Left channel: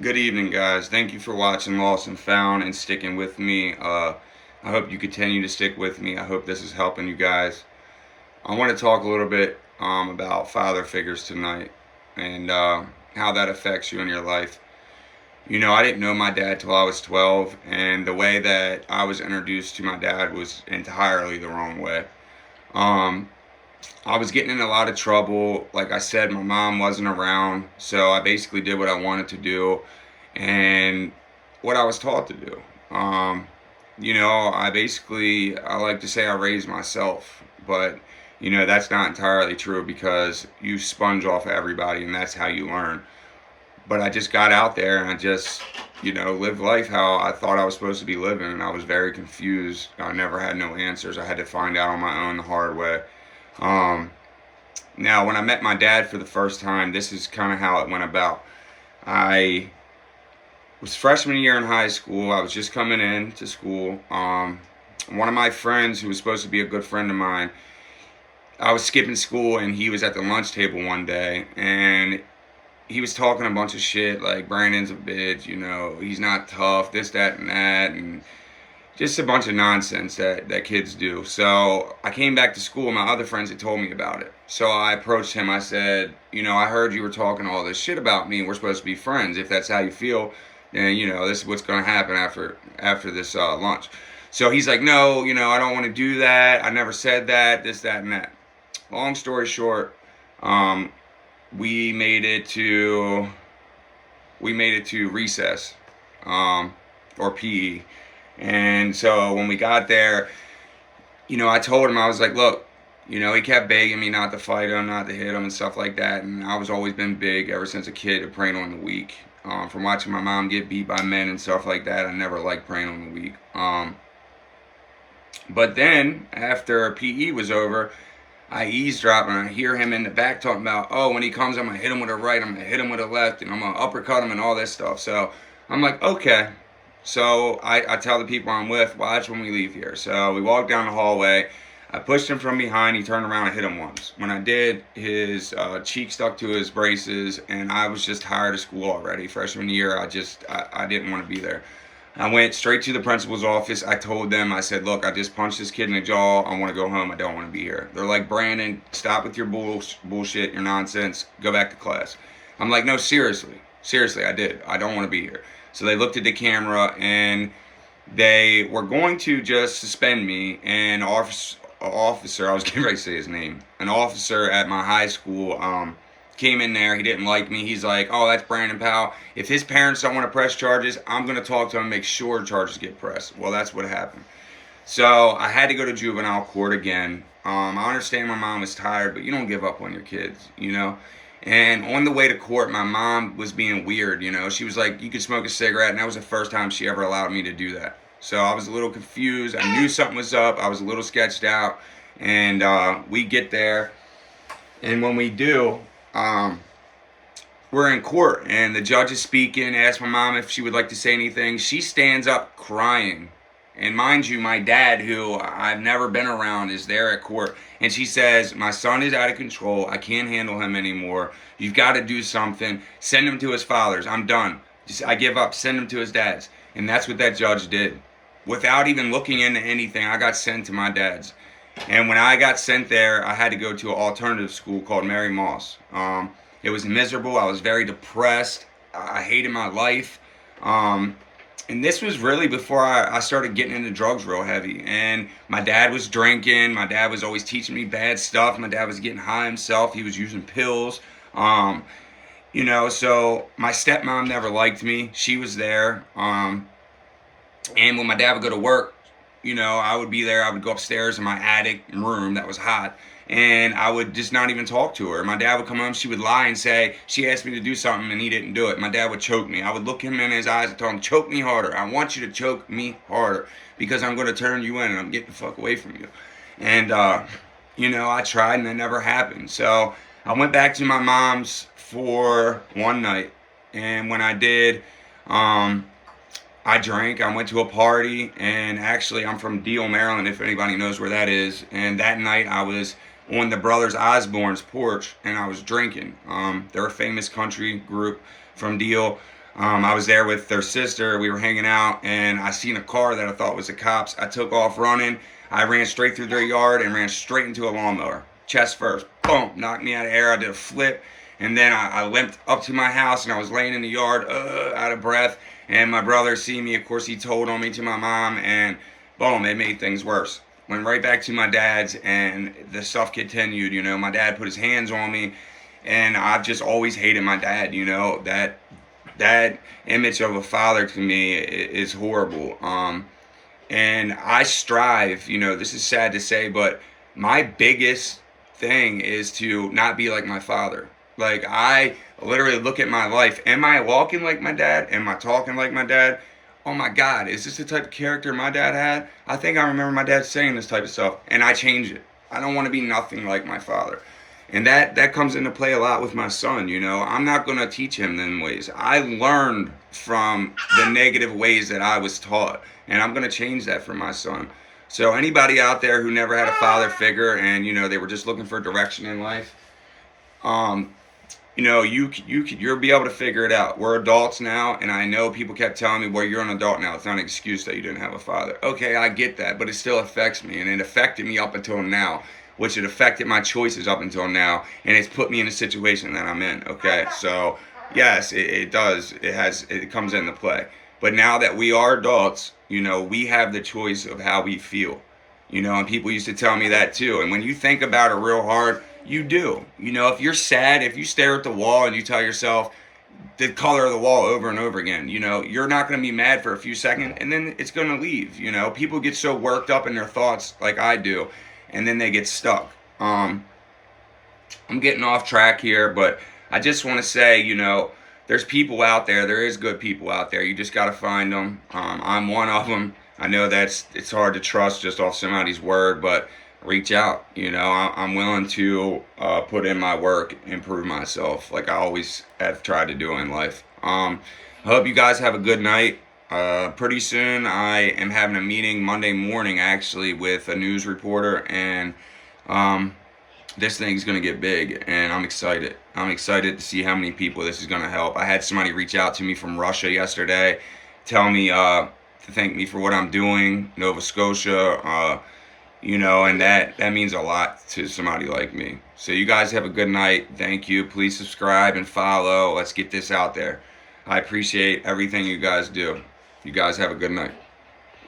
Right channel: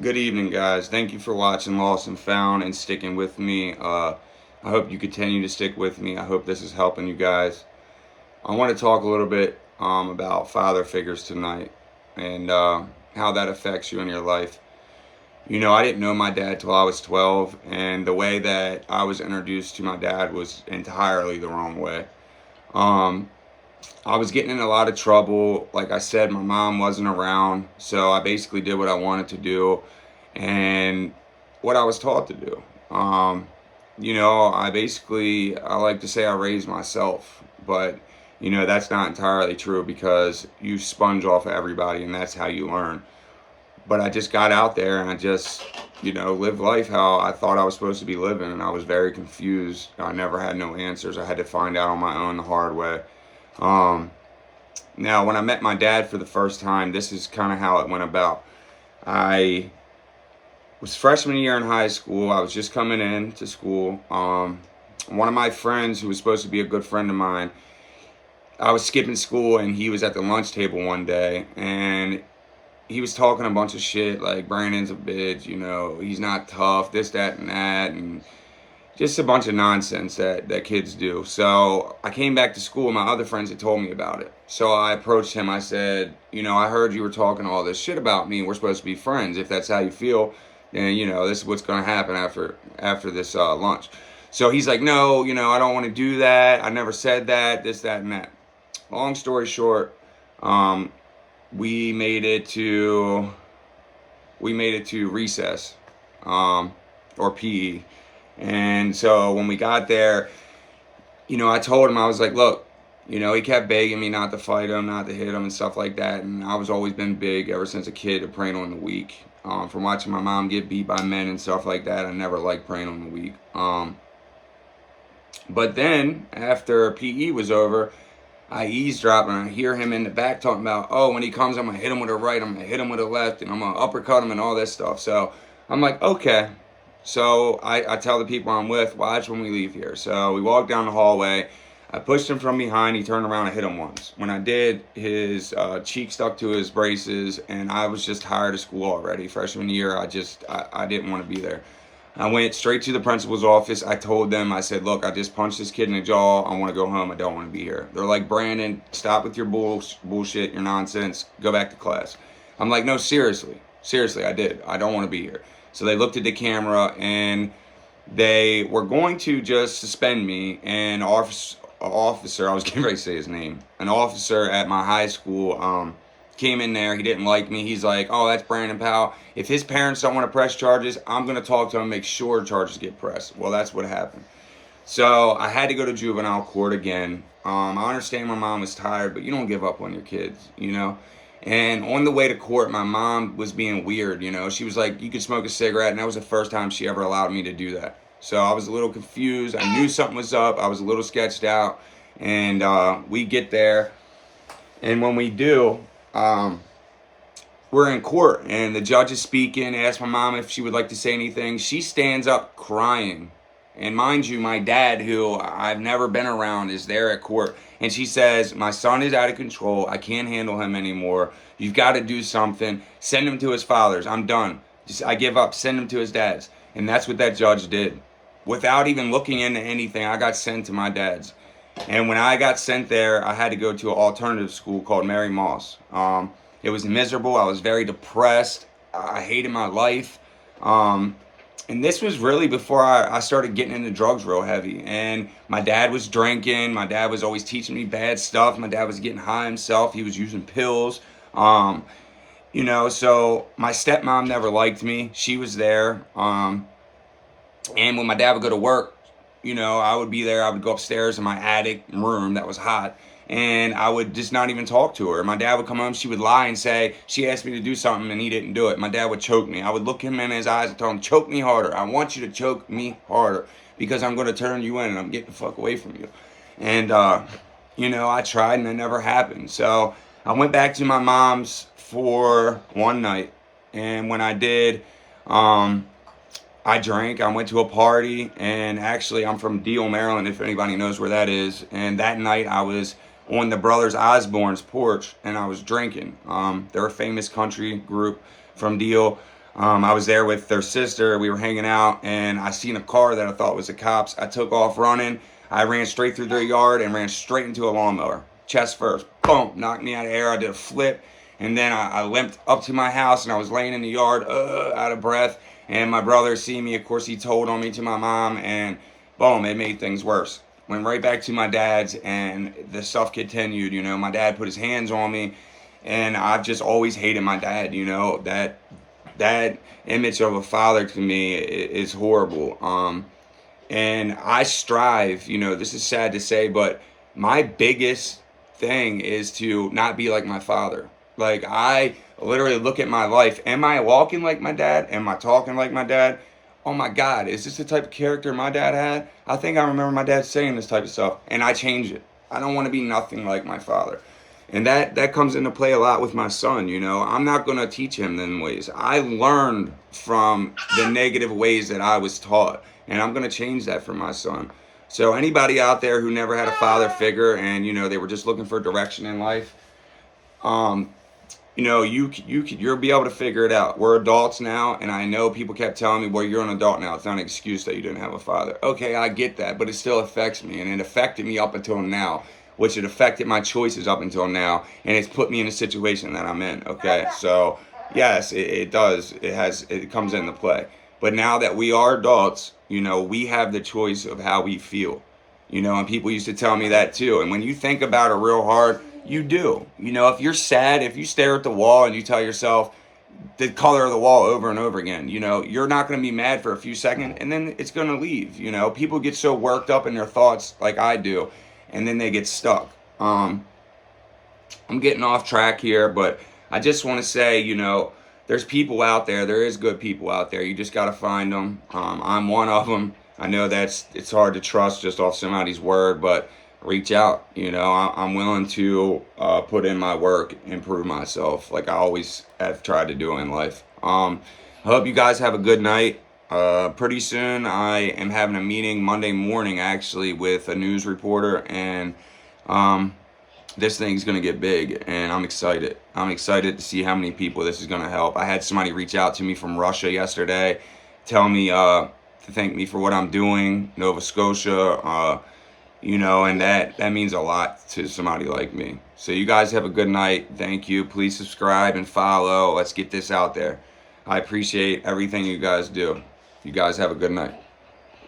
Good evening, guys. Thank you for watching Lost and Found and sticking with me. I hope you continue to stick with me. I hope this is helping you guys. I want to talk a little bit about father figures tonight and how that affects you in your life. You know, I didn't know my dad till I was 12, and the way that I was introduced to my dad was entirely the wrong way. Um, I was getting in a lot of trouble. Like I said, my mom wasn't around, so I basically did what I wanted to do and what I was taught to do. Um, I like to say I raised myself, but that's not entirely true because you sponge off of everybody and that's how you learn. But I just got out there and I just, lived life how I thought I was supposed to be living, and I was very confused. I never had no answers. I had to find out on my own the hard way. Um, Now, when I met my dad for the first time, this is kind of how it went about. I was freshman year in high school. I was just coming in to school. One of my friends, who was supposed to be a good friend of mine, I was skipping school and he was at the lunch table one day and he was talking a bunch of shit like Brandon's a bitch, he's not tough, this, that, and that, and just a bunch of nonsense that kids do. So I came back to school. My other friends had told me about it. So I approached him. I said, I heard you were talking all this shit about me. We're supposed to be friends. If that's how you feel, then, this is what's going to happen after this lunch. So he's like, no, I don't want to do that. I never said that, this, that, and that. Long story short, um, we made it to recess, or PE. And so when we got there, I told him, I was like, look, he kept begging me not to fight him, not to hit him and stuff like that. And I was always been big ever since a kid to preying on the weak. From watching my mom get beat by men and stuff like that, I never liked preying on the weak. But then after PE was over, I eavesdrop and I hear him in the back talking about, oh, when he comes, I'm going to hit him with a right, I'm going to hit him with a left, and I'm going to uppercut him and all this stuff. So I'm like, okay. So I tell the people I'm with, watch when we leave here. So we walked down the hallway. I pushed him from behind. He turned around and hit him once. When I did, his cheek stuck to his braces, and I was just tired of school already. Freshman year, I didn't want to be there. I went straight to the principal's office. I told them, I said, look, I just punched this kid in the jaw. I want to go home. I don't want to be here. They're like, Brandon, stop with your bullshit, your nonsense. Go back to class. I'm like, no, seriously. Seriously, I did. I don't want to be here. So they looked at the camera and they were going to just suspend me. And officer, I was getting ready to say his name, an officer at my high school, came in there. He didn't like me. He's like, oh, that's Brandon Powell. If his parents don't want to press charges, I'm going to talk to him and make sure charges get pressed. Well, that's what happened. So I had to go to juvenile court again. I understand my mom was tired, but you don't give up on your kids, And on the way to court, my mom was being weird, She was like, you could smoke a cigarette, and that was the first time she ever allowed me to do that. So I was a little confused. I knew something was up. I was a little sketched out. And we get there, and when we do, we're in court, and the judge is speaking. Asked my mom if she would like to say anything. She stands up crying. And mind you, my dad, who I've never been around, is there at court. And she says, my son is out of control. I can't handle him anymore. You've got to do something. Send him to his father's. I'm done. I give up. Send him to his dad's. And that's what that judge did. Without even looking into anything, I got sent to my dad's. And when I got sent there, I had to go to an alternative school called Mary Moss. It was miserable. I was very depressed. I hated my life. And this was really before I started getting into drugs real heavy. And my dad was drinking. My dad was always teaching me bad stuff. My dad was getting high himself. He was using pills. So my stepmom never liked me. She was there. And when my dad would go to work, I would be there. I would go upstairs in my attic room that was hot, and I would just not even talk to her. My dad would come home. She would lie and say she asked me to do something and he didn't do it. My dad would choke me. I would look him in his eyes and tell him, choke me harder. I want you to choke me harder because I'm going to turn you in and I'm getting the fuck away from you. And, I tried and it never happened. So I went back to my mom's for one night. And when I did, I drank. I went to a party, and actually I'm from Deal, Maryland, if anybody knows where that is. And that night I was on the Brothers Osborne's porch, and I was drinking. They're a famous country group from Deal. I was there with their sister. We were hanging out, and I seen a car that I thought was the cops. I took off running. I ran straight through their yard and ran straight into a lawnmower. Chest first. Boom. Knocked me out of air. I did a flip. And then I limped up to my house, and I was laying in the yard, out of breath. And my brother see me. Of course, he told on me to my mom, and boom, it made things worse. Went right back to my dad's, and the stuff continued. You know, my dad put his hands on me, and I've just always hated my dad. You know, that image of a father to me is horrible. And I strive. You know, this is sad to say, but my biggest thing is to not be like my father. Like, I literally look at my life. Am I walking like my dad? Am I talking like my dad? Oh my God, is this the type of character my dad had? I think I remember my dad saying this type of stuff, and I change it. I don't want to be nothing like my father. And that comes into play a lot with my son, you know. I'm not going to teach him them ways. I learned from the negative ways that I was taught, and I'm going to change that for my son. So anybody out there who never had a father figure and, you know, they were just looking for direction in life, you know, you'll be able to figure it out. We're adults now, and I know people kept telling me, well, you're an adult now. It's not an excuse that you didn't have a father. Okay, I get that, but it still affects me, and it affected me up until now, which it affected my choices up until now, and it's put me in a situation that I'm in, okay? So, yes, it does. It comes into play. But now that we are adults, you know, we have the choice of how we feel. You know, and people used to tell me that too. And when you think about it real hard, you do. You know, if you're sad, if you stare at the wall and you tell yourself the color of the wall over and over again, you know, you're not going to be mad for a few seconds, and then it's going to leave. You know, people get so worked up in their thoughts like I do, and then they get stuck. I'm getting off track here, but I just want to say, you know, there's people out there. There is good people out there. You just got to find them. I'm one of them. I know it's hard to trust just off somebody's word, but reach out. You know, I'm willing to put in my work, improve myself, like I always have tried to do in life. I hope you guys have a good night. Pretty soon I am having a meeting Monday morning, actually, with a news reporter, and this thing's going to get big, and I'm excited. I'm excited to see how many people this is going to help. I had somebody reach out to me from Russia yesterday, tell me to thank me for what I'm doing, Nova Scotia, you know, and that means a lot to somebody like me. So you guys have a good night. Thank you. Please subscribe and follow. Let's get this out there. I appreciate everything you guys do. You guys have a good night.